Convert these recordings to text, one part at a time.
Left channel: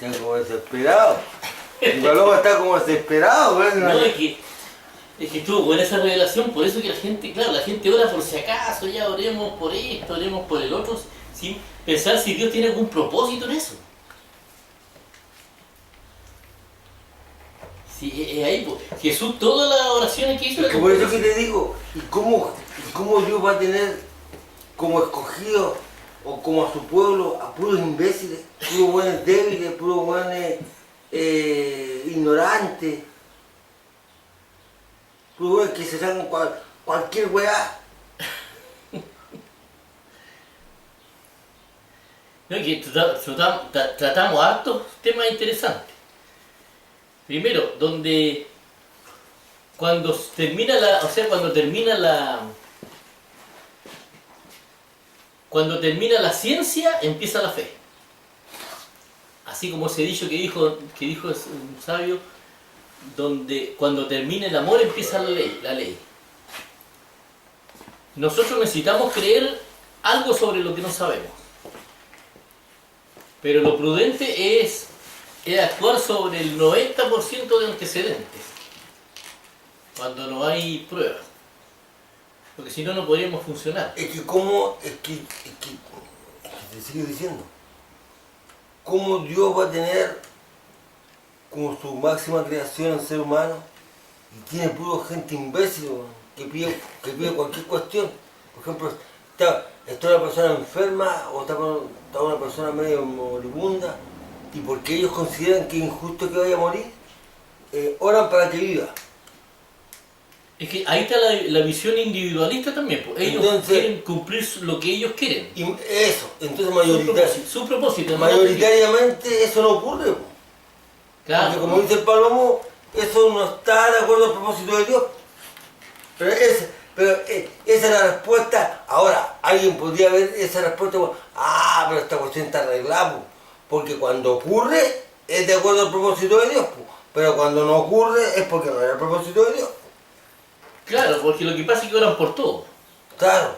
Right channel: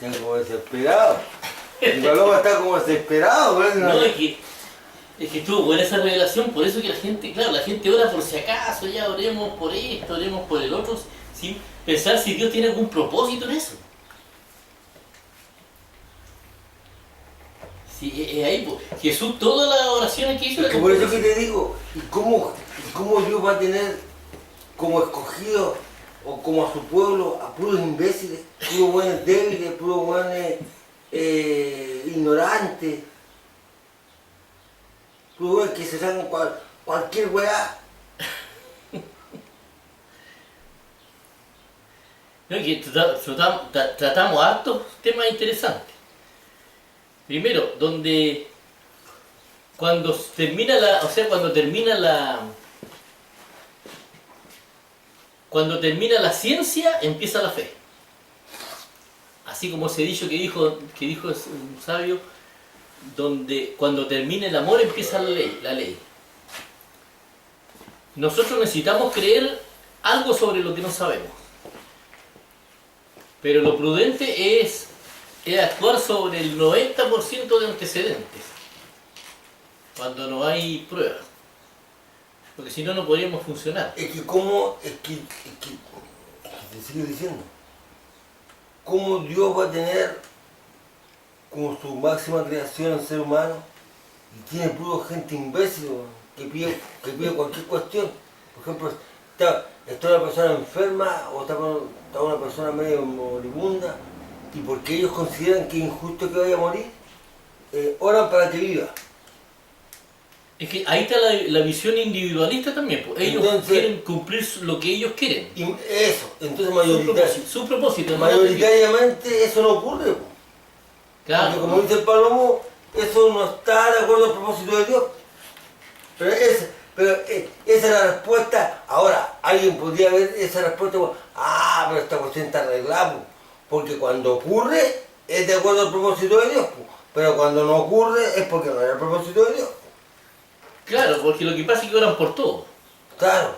Está como desesperado. El Paloma está como desesperado, ¿ves? No, es que estuvo buena esa revelación, por eso que la gente, claro, la gente ora por si acaso, ya oremos por esto, oremos por el otro, sin pensar si Dios tiene algún propósito en eso. Sí, es ahí, pues. Jesús, todas las oraciones que hizo... Es que por eso que te digo, ¿cómo Dios va a tener como escogido o como a su pueblo a puros imbéciles, puros buenos débiles, puros buenos ignorantes, puros buenos que se sacan cualquier weá? No, que tratamos hartos temas interesantes. Primero, cuando termina la ciencia, empieza la fe. Así como ese dicho que dijo un sabio, cuando termina el amor empieza la ley. Nosotros necesitamos creer algo sobre lo que no sabemos. Pero lo prudente es actuar sobre el 90% de antecedentes, cuando no hay pruebas. Porque si no, no podríamos funcionar. Es que te sigo diciendo, ¿cómo Dios va a tener como su máxima creación el ser humano y tiene puro gente imbécil, weón, que pide cualquier cuestión? Por ejemplo, está una persona enferma o está una persona medio moribunda, y porque ellos consideran que es injusto que vaya a morir, oran para que viva. Es que ahí está la visión individualista también, pues. Ellos quieren cumplir lo que ellos quieren. Y eso, entonces su propósito. Mayoritariamente eso no ocurre, pues. Claro. Porque como dice el Palomo, eso no está de acuerdo al propósito de Dios. Pero esa es la respuesta. Ahora, alguien podría ver esa respuesta, pero esta cuestión está arreglada, pues, porque cuando ocurre es de acuerdo al propósito de Dios, pues, pero cuando no ocurre es porque no era el propósito de Dios. Claro, porque lo que pasa es que oran por todo. Claro.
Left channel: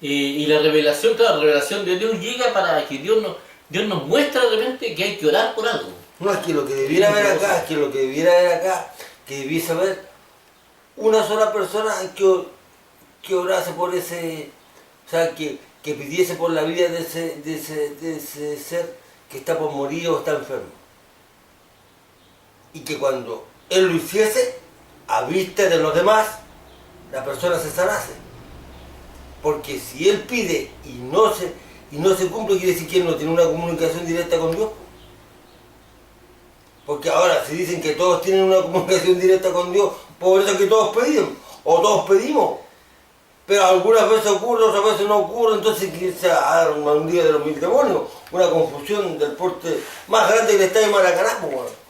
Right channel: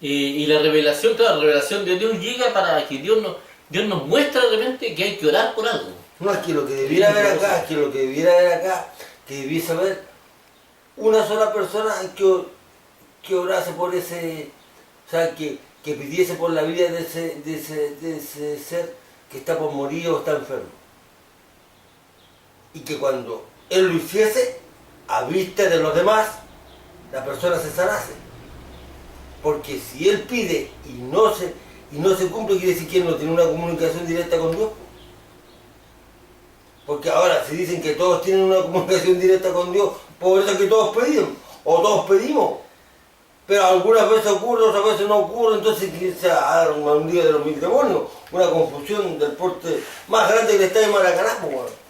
Y la revelación de Dios llega para que Dios nos muestra de repente que hay que orar por algo. No, es que lo que debiera haber acá, que debiese haber una sola persona que orase por ese, o sea, que pidiese por la vida de ese ser que está por morir o está enfermo. Y que cuando él lo hiciese, a vista de los demás, la persona se sanase. Porque si él pide y no se cumple, quiere decir que él no tiene una comunicación directa con Dios. Porque ahora, si dicen que todos tienen una comunicación directa con Dios, por eso es que todos pedimos, o todos pedimos. Pero algunas veces ocurre, otras veces no ocurre, entonces quizá un día de los 1000 demonios, una confusión del porte más grande que el estadio de Maracaná, pues, bueno.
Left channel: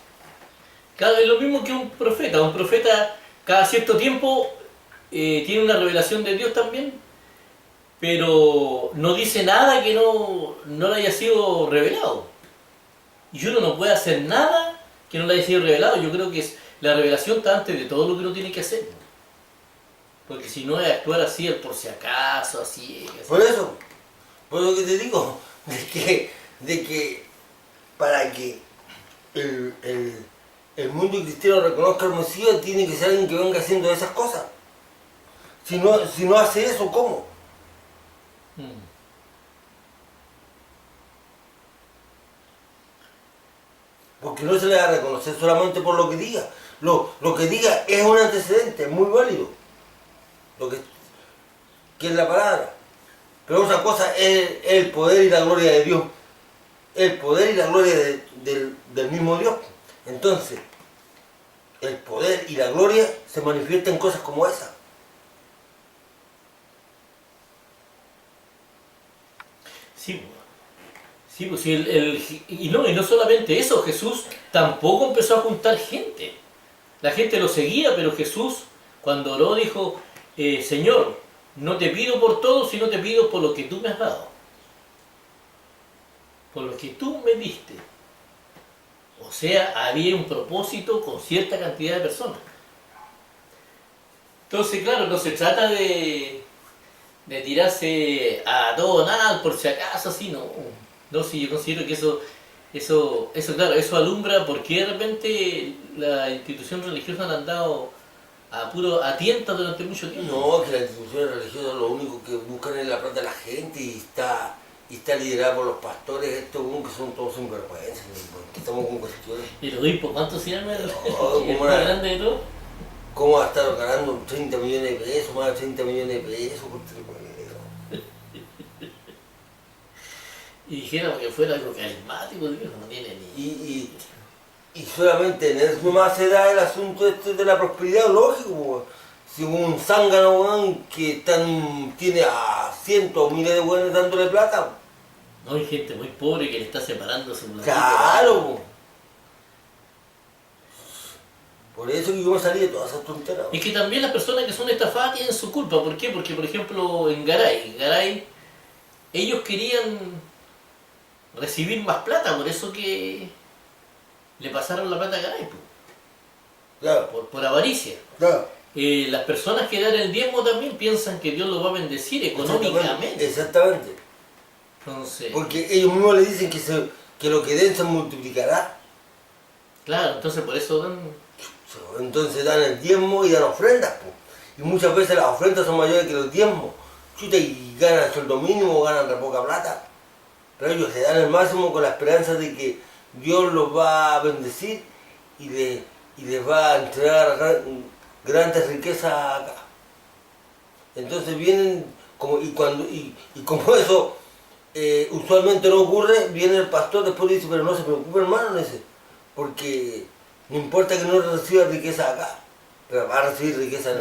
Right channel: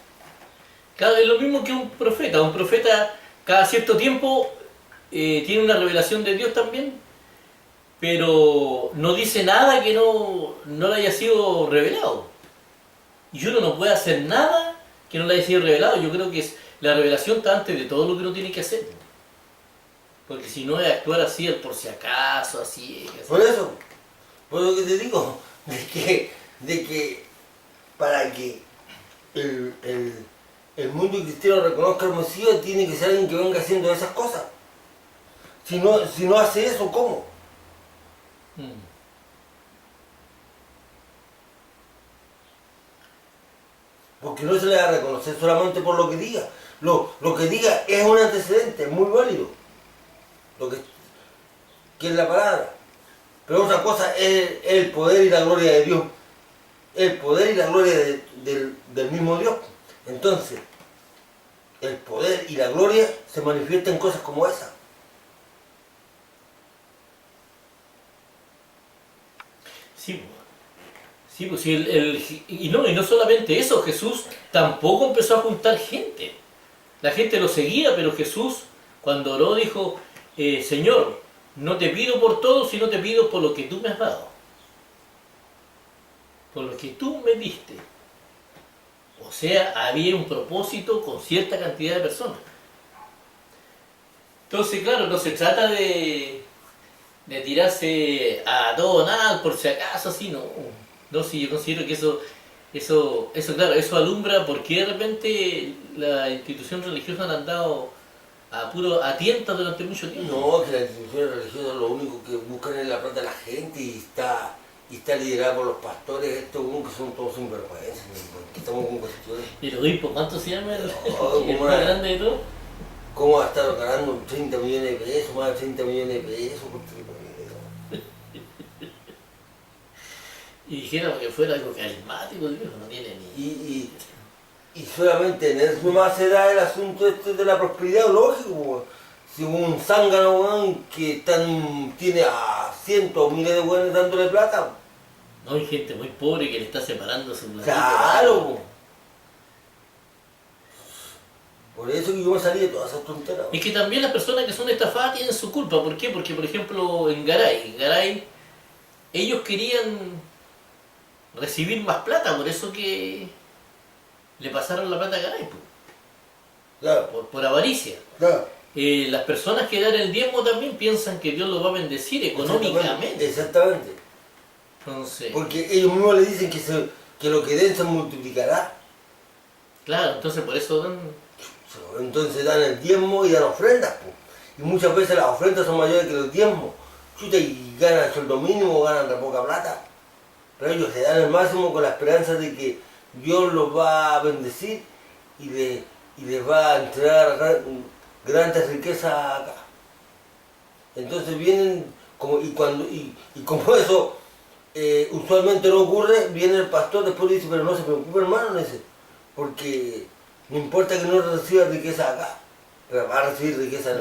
Claro, es lo mismo que un profeta. Un profeta cada cierto tiempo tiene una revelación de Dios también, pero no dice nada que no le haya sido revelado. Y uno no puede hacer nada que no le haya sido revelado. Yo creo que la revelación está antes de todo lo que uno tiene que hacer. Porque si no es actuar así, el por si acaso, así. Por eso que te digo, de que para que el mundo cristiano reconozca al Mesías, tiene que ser alguien que venga haciendo esas cosas. Si no hace eso, ¿cómo? Porque no se le va a reconocer solamente por lo que diga. Lo que diga es un antecedente, es muy válido. Que es la palabra. Pero otra cosa es el poder y la gloria de Dios. El poder y la gloria del mismo Dios. Entonces, el poder y la gloria se manifiestan en cosas como esa. Sí, pues y no solamente eso, Jesús tampoco empezó a juntar gente. La gente lo seguía, pero Jesús, cuando oró, dijo, Señor, no te pido por todo, sino te pido por lo que tú me has dado. Por lo que tú me diste. O sea, había un propósito con cierta cantidad de personas. Entonces, claro, no se trata de tirarse a todo o nada, por si acaso, así, no. No, sí, yo considero que eso Claro, eso alumbra porque de repente la institución religiosa han andado a tientas durante mucho tiempo. No, que las instituciones religiosas lo único que buscan es la plata de la gente y está liderada por los pastores, estos que son todos sinvergüenzas, que estamos con cuestiones. El obispo, ¿cuánto se llama? El ¿Cómo más grande de todo. ¿Cómo va a estar ganando 30 millones de pesos, más de 30 millones de pesos? Y dijéramos que fuera algo carismático, Dios, no tiene ni... Y solamente en eso nomás se da el asunto este de la prosperidad, lógico, pues. Si un zángano, weón, que tiene a cientos o miles de weones dándole plata. No, hay gente muy pobre que le está separando su platito. Claro, pues. Por eso que yo me salí de todas esas tonteras. Es que también las personas que son estafadas tienen su culpa. ¿Por qué? Porque, por ejemplo, en Garay, ellos querían recibir más plata, por eso que le pasaron la plata a Garay, pues. Claro. Por avaricia. Claro. Las personas que dan el diezmo también piensan que Dios los va a bendecir económicamente. Exactamente. Entonces, Porque ellos mismos le dicen que lo que den se multiplicará. claro, entonces por eso dan... Entonces dan el diezmo y dan ofrendas, pues. Y muchas veces las ofrendas son mayores que los diezmos. Chuta, y ganan el sueldo mínimo o ganan re poca plata. Pero ellos se dan el máximo con la esperanza de que Dios los va a bendecir y les va a entregar grandes riquezas acá. Entonces vienen, y como eso usualmente no ocurre, viene el pastor después y dice, pero no se preocupe hermano, dice, porque no importa que no reciba riqueza acá, pero va a recibir riqueza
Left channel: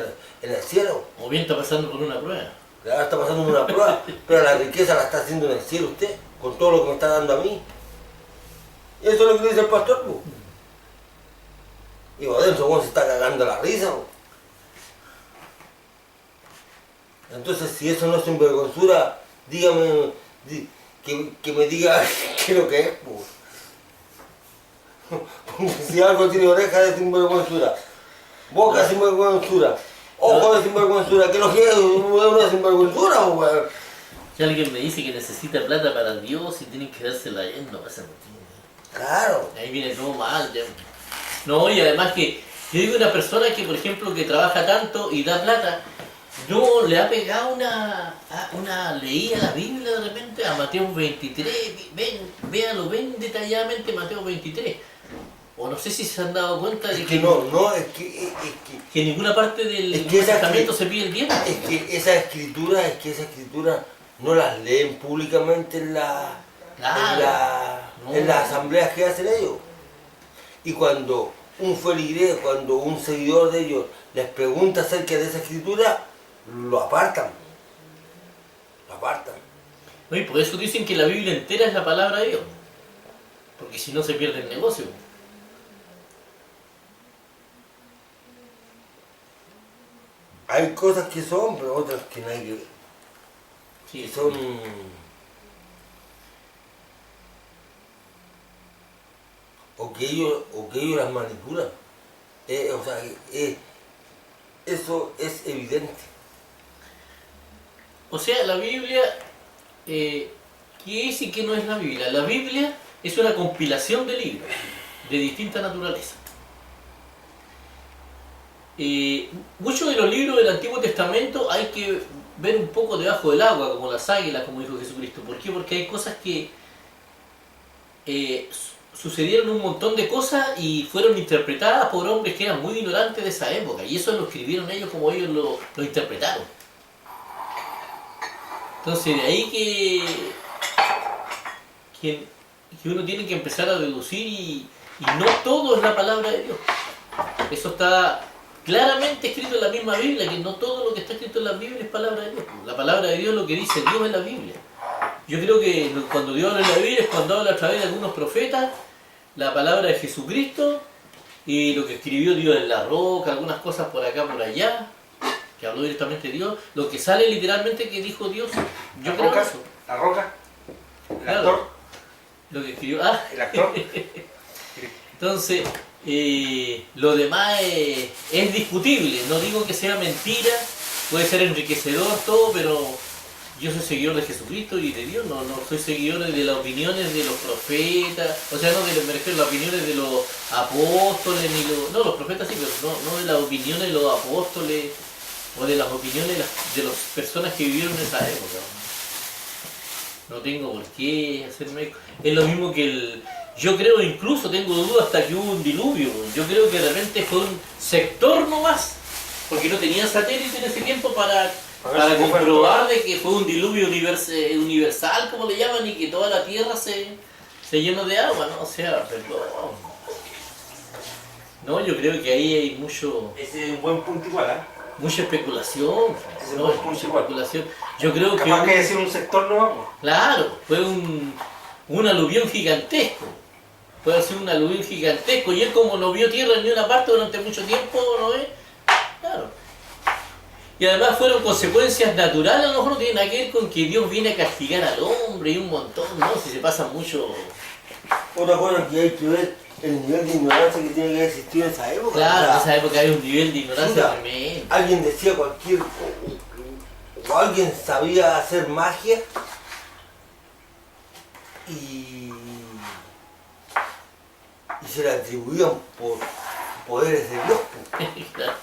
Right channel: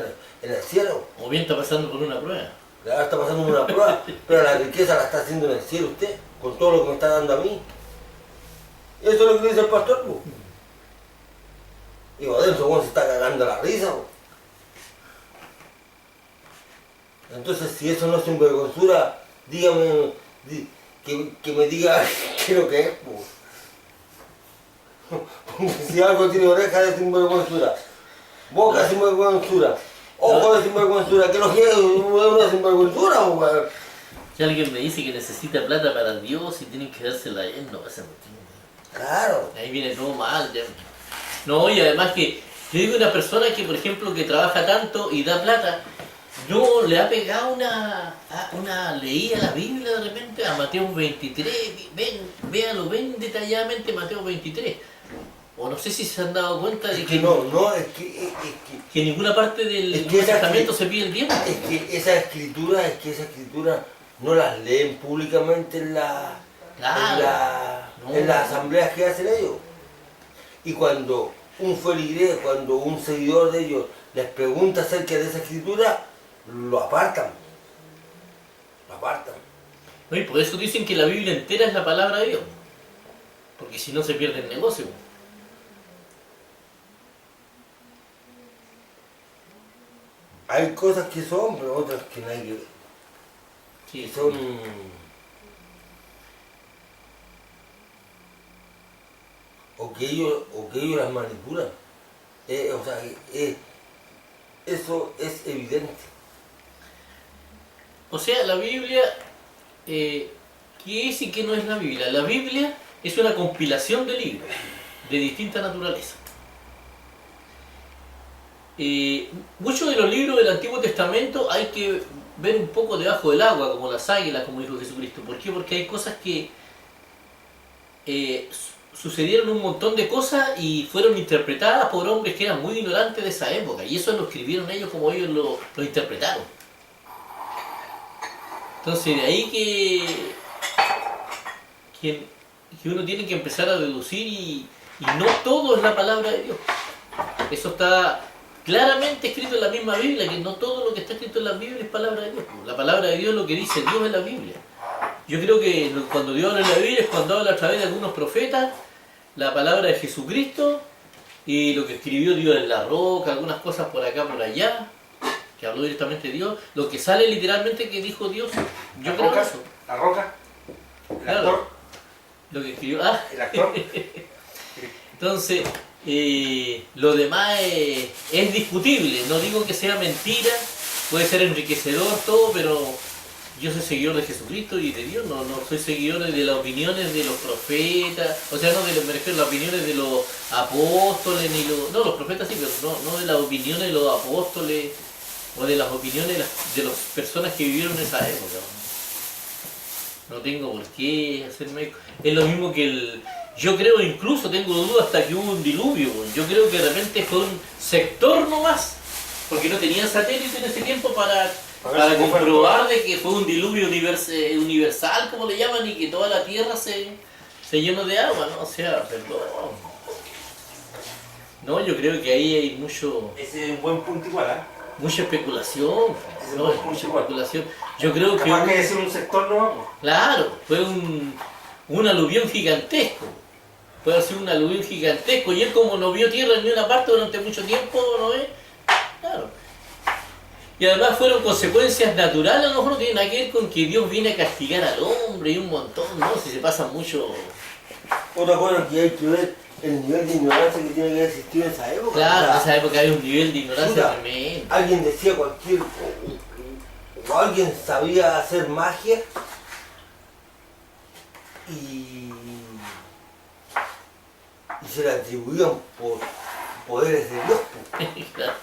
en el cielo. O bien está pasando por una prueba. Ahora está pasando una prueba, pero la riqueza la está haciendo en el cielo usted, con todo lo que me está dando a mí. Y eso es lo que dice el pastor, pues. Y adentro se está cagando la risa, pues. Entonces, si eso no es sinvergüenzura, dígame, que me diga qué es lo que es, pues. Porque si algo tiene oreja de sinvergüenzura, boca de sinvergüenzura, ojo de sinvergüenzura, ¿qué es lo que es una sinvergüenzura, pues? Si alguien me dice que necesita plata para Dios y tienen que dársela a él, no pasa nada. Claro. Ahí viene todo mal. Ya. No, y además que yo digo una persona que, por ejemplo, que trabaja tanto y da plata, no le ha pegado una leída a la Biblia de repente, a Mateo 23, ven detalladamente Mateo 23. O no sé si se han dado cuenta de que que en ninguna parte del Nuevo Testamento se pide el diezmo. Es que esa escritura no las leen públicamente en las asambleas que hacen ellos. Y cuando un feligrés, cuando un seguidor de ellos les pregunta acerca de esa escritura, lo apartan. Lo apartan. No, y por eso dicen que la Biblia entera es la palabra de Dios. Porque si no se pierde el negocio. Hay cosas que son, pero otras que no hay que ver. Sí, Que son... O que ellos las manipulan. Eso es evidente. O sea, la Biblia, ¿qué es y qué no es la Biblia? La Biblia es una compilación de libros de distinta naturaleza. Muchos de los libros del Antiguo Testamento hay que ver un poco debajo del agua, como las águilas, como dijo Jesucristo. ¿Por qué? Porque hay cosas que sucedieron un montón de cosas y fueron interpretadas por hombres que eran muy ignorantes de esa época. Y eso lo escribieron ellos como ellos lo interpretaron. Entonces de ahí que uno tiene que empezar a deducir y no todo es la palabra de Dios. Eso está claramente escrito en la misma Biblia, que no todo lo que está escrito en la Biblia es palabra de Dios. La palabra de Dios es lo que dice Dios en la Biblia. Yo creo que cuando Dios habla en la Biblia es cuando habla a través de algunos profetas, la palabra de Jesucristo y lo que escribió Dios en la roca, algunas cosas por acá, por allá, que habló directamente Dios, lo que sale literalmente que dijo Dios. Yo creo eso. La roca, el Claro. actor, Lo que escribió. el actor. Entonces, lo demás es discutible. No digo que sea mentira, puede ser enriquecedor todo, pero yo soy seguidor de Jesucristo y de Dios, no soy seguidor de las opiniones de los profetas, o sea, no me refiero a las opiniones de los apóstoles, no, los profetas sí, pero no de las opiniones de los apóstoles o de las opiniones de las personas que vivieron en esa época. No tengo por qué hacerme eco. Es lo mismo que yo creo, incluso tengo dudas hasta que hubo un diluvio. Yo creo que de repente fue un sector nomás, porque no tenían satélite en ese tiempo para comprobar de que fue un diluvio universal, como le llaman, y que toda la tierra se llenó de agua, ¿no? O sea, perdón. No, yo creo que ahí hay Ese es un buen punto igual, ¿eh? mucha especulación, ¿no? Hay mucha especulación. Yo creo que... Capaz que decir un sector no vamos. Claro, fue un aluvión gigantesco. Puede ser un aluvión gigantesco. Y él, como no vio tierra en ninguna parte durante mucho tiempo, ¿no ves? Claro. Y además fueron consecuencias naturales, a lo mejor no tiene nada que ver con que Dios viene a castigar al hombre y un montón, ¿no? Si se pasa mucho... Otra cosa que hay que ver, el nivel de ignorancia que tiene que existir en esa época. Claro, O sea, en esa época hay un nivel de ignorancia puta, tremendo. alguien decía o alguien sabía hacer magia y se le atribuían por poderes de Dios. Claro.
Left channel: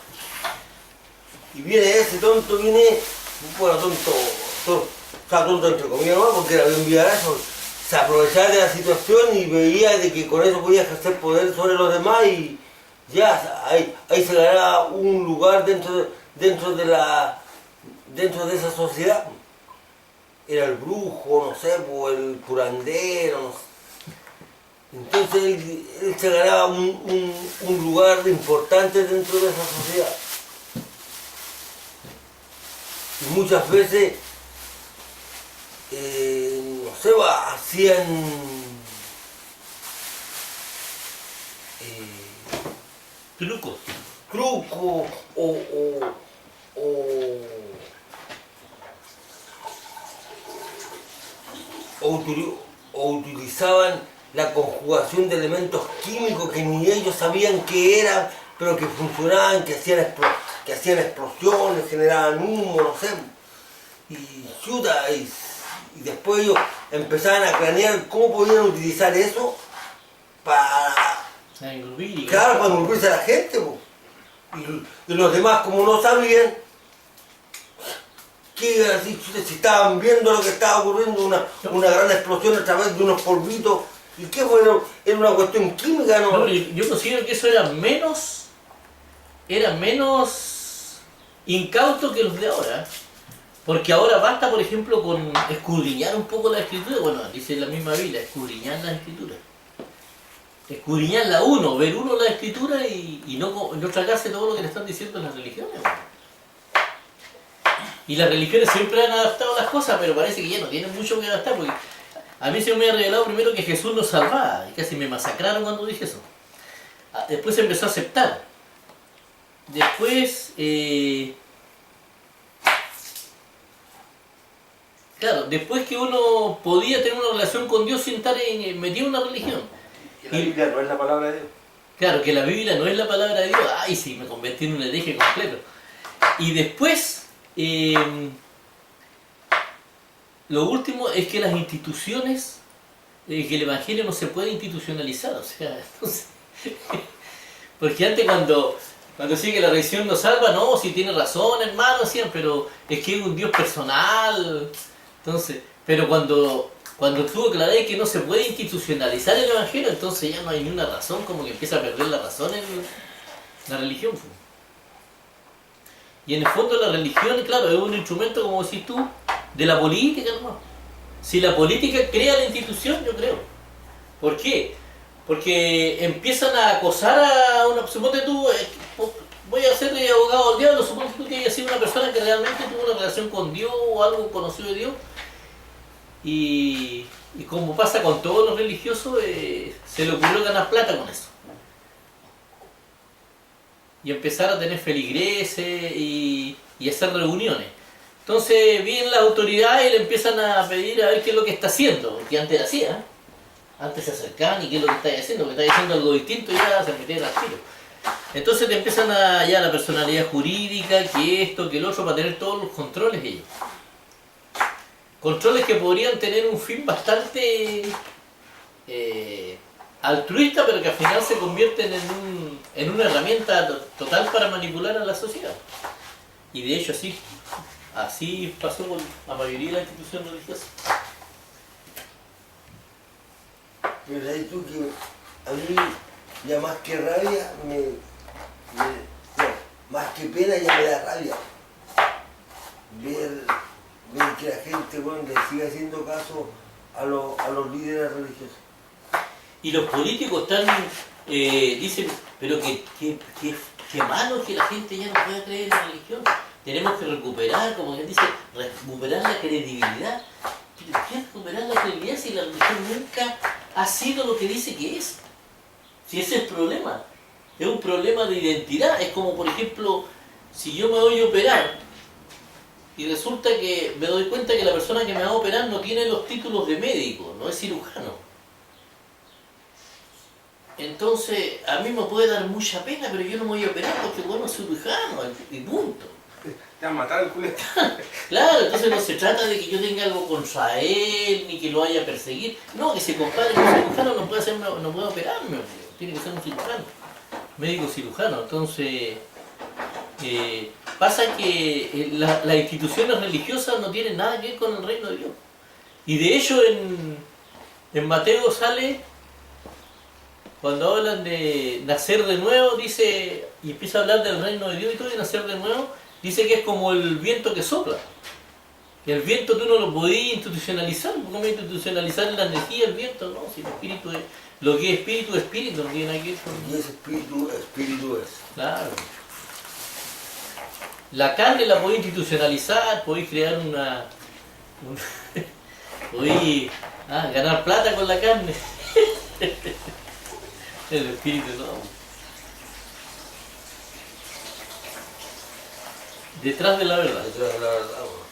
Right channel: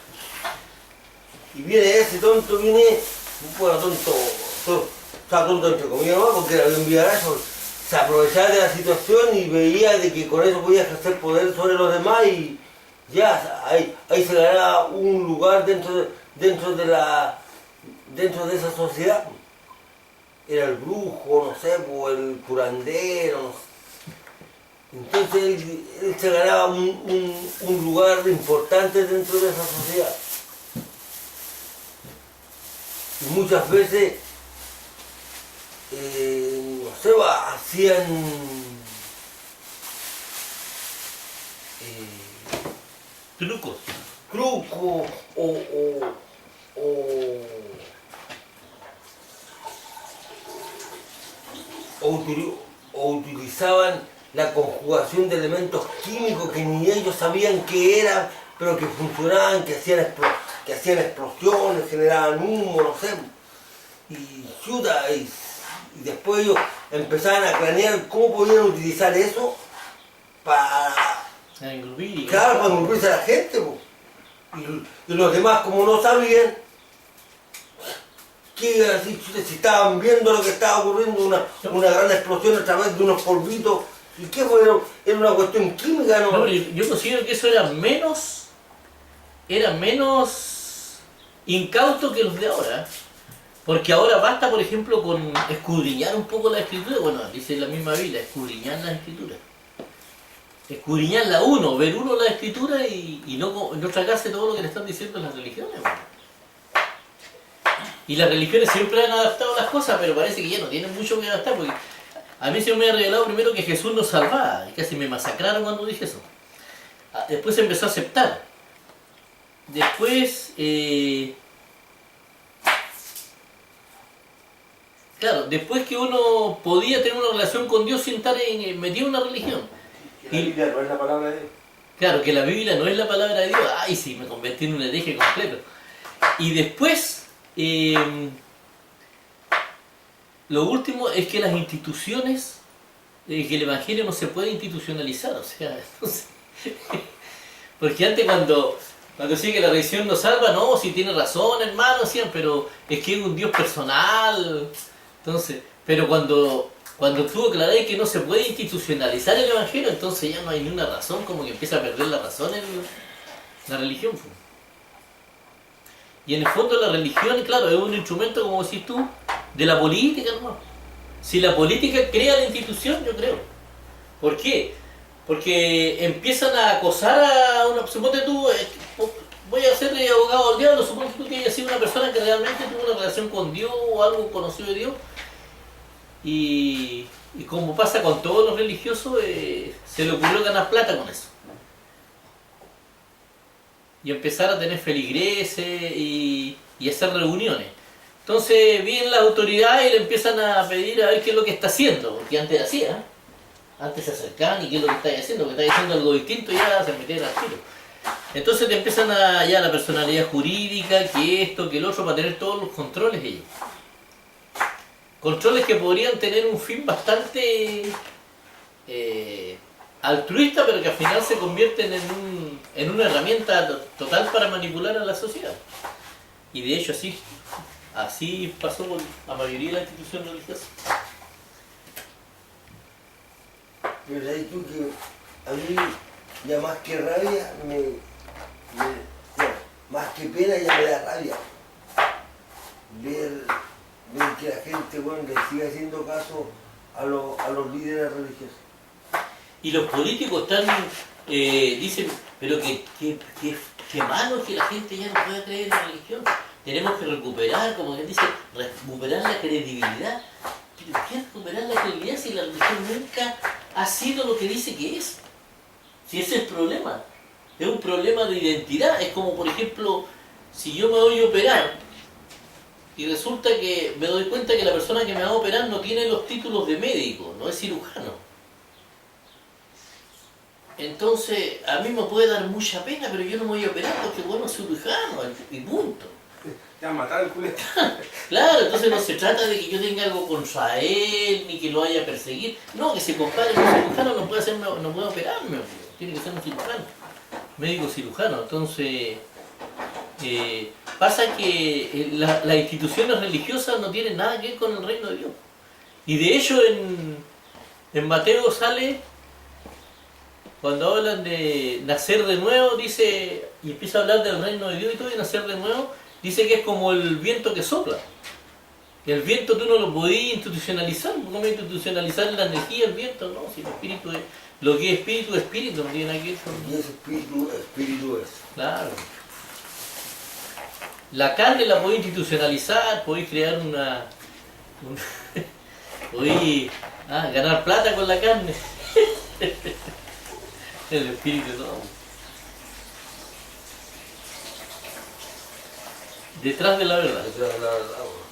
Y viene ese tonto, bueno, tonto, o sea, tonto entre comillas nomás, porque era bien vivarazo, se aprovechaba de la situación y veía de que con eso podía ejercer poder sobre los demás y ya, ahí se ganaba un lugar dentro de esa sociedad. Era el brujo, no sé, o el curandero, no sé. Entonces él se ganaba un lugar importante dentro de esa sociedad. Y muchas veces, no sé, hacían Trucos. trucos o utilizaban la conjugación de elementos químicos que ni ellos sabían qué eran, pero que funcionaban, que hacían explosiones, generaban humo, no sé. Y chuta, y después ellos empezaban a planear cómo podían utilizar eso para, claro, para envolverse a la gente. Po. Y los demás, como no sabían, ¿qué iban a decir? Chuta, si estaban viendo lo que estaba ocurriendo, una gran explosión a través de unos polvitos. ¿Y qué fue? Era una cuestión química, ¿no? No, pero yo considero que eso era menos incauto que los de ahora. Porque ahora basta, por ejemplo, con escudriñar un poco la escritura. Bueno, dice la misma Biblia, escudriñar las escrituras. Escudriñarla ver uno la escritura y no tragarse todo lo que le están diciendo las religiones. Bueno. Y las religiones siempre han adaptado las cosas, pero parece que ya no tienen mucho que adaptar, porque a mí se me ha revelado primero que Jesús nos salvaba, y casi me masacraron cuando dije eso. Después se empezó a aceptar. Después, claro, después que uno podía tener una relación con Dios sin estar metido en una religión. Que la Biblia no es la palabra de Dios. Claro, que la Biblia no es la palabra de Dios. Ay, sí, me convertí en un hereje completo. Y después, lo último es que las instituciones, que el Evangelio no se puede institucionalizar, o sea, entonces, porque antes cuando decía que la religión nos salva, no, si tiene razón, hermano, decían, pero es que es un Dios personal, entonces, pero cuando tú aclarás que no se puede institucionalizar el Evangelio, entonces ya no hay ni una razón, como que empieza a perder la razón en la religión. Y en el fondo la religión, claro, es un instrumento, como decís tú, de la política, hermano. Si la política crea la institución, yo creo. ¿Por qué? Porque empiezan a acosar a una... Suponte tú, voy a ser abogado del diablo, suponte tú que hayas sido una persona que realmente tuvo una relación con Dios o algo conocido de Dios. Y como pasa con todos los religiosos, se le ocurrió ganar plata con eso. Y empezar a tener feligreses y hacer reuniones. Entonces vienen las autoridades y le empiezan a pedir a ver qué es lo que está haciendo, porque antes hacía, ¿eh? Antes se acercaban y qué es lo que estáis haciendo, porque estáis haciendo algo distinto y ya se metían al tiro. Entonces te empiezan ya la personalidad jurídica, que esto, que el otro, para tener todos los controles ellos. controles que podrían tener un fin bastante altruista, pero que al final se convierten en una herramienta total para manipular a la sociedad. Y de hecho así pasó con la mayoría de las instituciones religiosas. Pero ahí tú que a mí ya más que rabia no, más que pena ya me da rabia ver que la gente, bueno, le sigue haciendo caso a los líderes religiosos. Y los políticos están, dicen, pero qué malo que la gente ya no pueda creer en la religión. Tenemos que recuperar, como él dice, recuperar la credibilidad. ¿Pero qué recuperar la credibilidad si la religión nunca ha sido lo que dice que es? Si ese es el problema. Es un problema de identidad. Es como, por ejemplo, si yo me voy a operar y resulta que me doy cuenta que la persona que me va a operar no tiene los títulos de médico, no es cirujano. Entonces, a mí me puede dar mucha pena, pero yo no me voy a operar porque, bueno, es cirujano, y punto. Te van a matar el culete. Claro, entonces no se trata de que yo tenga algo contra él, ni que lo vaya a perseguir. No, que se compare con un cirujano no puede operarme, obvio. Tiene que ser un cirujano, médico cirujano. Entonces, pasa que las instituciones religiosas no tienen nada que ver con el reino de Dios. Y de hecho en Mateo sale, cuando hablan de nacer de nuevo, dice, y empieza a hablar del reino de Dios y todo, y nacer de nuevo, dice que es como el viento que sopla. Y el viento tú no lo podías institucionalizar. ¿Cómo institucionalizar la energía del viento? No, si el espíritu es, lo que es espíritu, no tiene nada que ver con... Y ese espíritu es. Claro. La carne la podéis institucionalizar, podéis crear podéis ganar plata con la carne. El espíritu no. Detrás de la verdad. Detrás de la verdad, bueno.